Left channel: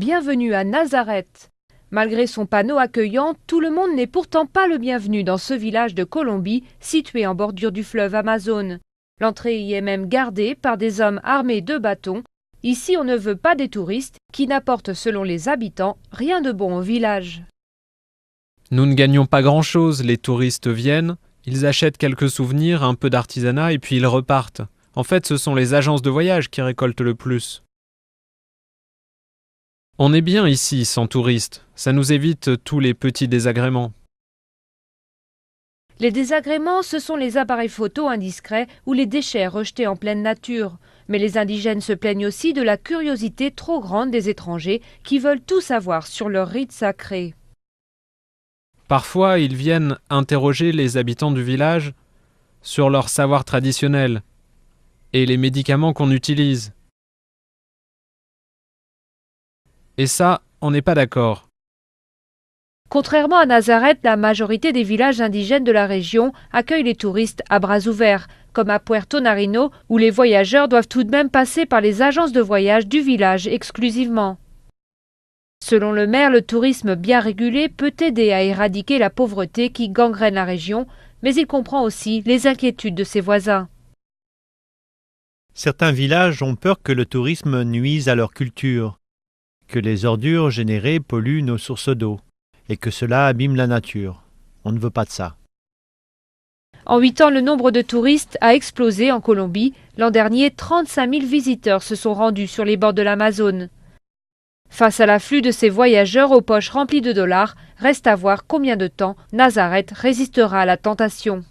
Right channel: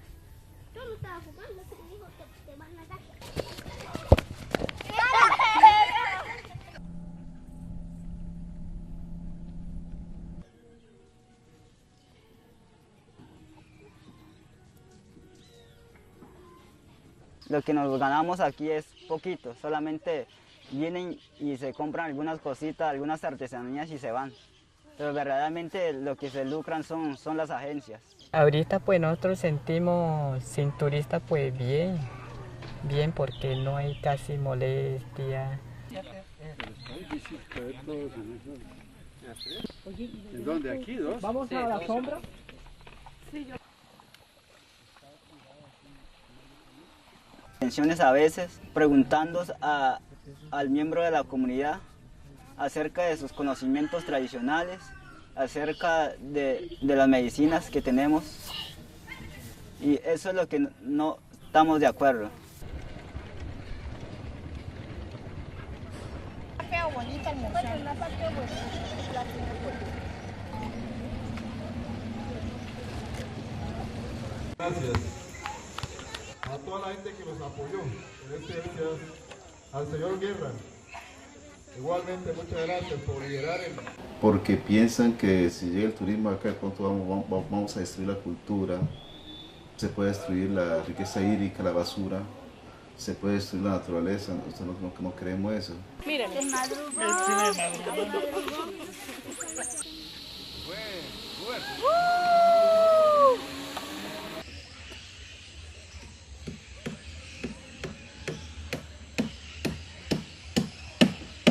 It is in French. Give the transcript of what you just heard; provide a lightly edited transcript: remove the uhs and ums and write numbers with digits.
Bienvenue à Nazareth. Malgré son panneau accueillant, tout le monde n'est pourtant pas le bienvenu dans ce village de Colombie, situé en bordure du fleuve Amazone. L'entrée y est même gardée par des hommes armés de bâtons. Ici, on ne veut pas des touristes qui n'apportent, selon les habitants, rien de bon au village. Nous ne gagnons pas grand-chose, les touristes viennent, ils achètent quelques souvenirs, un peu d'artisanat et puis ils repartent. En fait, ce sont les agences de voyage qui récoltent le plus. On est bien ici, sans touristes. Ça nous évite tous les petits désagréments. Les désagréments, ce sont les appareils photo indiscrets ou les déchets rejetés en pleine nature. Mais les indigènes se plaignent aussi de la curiosité trop grande des étrangers qui veulent tout savoir sur leurs rites sacrés. Parfois, ils viennent interroger les habitants du village sur leur savoir traditionnel et les médicaments qu'on utilise. Et ça, on n'est pas d'accord. Contrairement à Nazareth, la majorité des villages indigènes de la région accueillent les touristes à bras ouverts, comme à Puerto Nariño, où les voyageurs doivent tout de même passer par les agences de voyage du village exclusivement. Selon le maire, le tourisme bien régulé peut aider à éradiquer la pauvreté qui gangrène la région, mais il comprend aussi les inquiétudes de ses voisins. Certains villages ont peur que le tourisme nuise à leur culture, que les ordures générées polluent nos sources d'eau et que cela abîme la nature. On ne veut pas de ça. En 8 ans, le nombre de touristes a explosé en Colombie. L'an dernier, 35 000 visiteurs se sont rendus sur les bords de l'Amazone. Face à l'afflux de ces voyageurs aux poches remplies de dollars, reste à voir combien de temps Nazareth résistera à la tentation.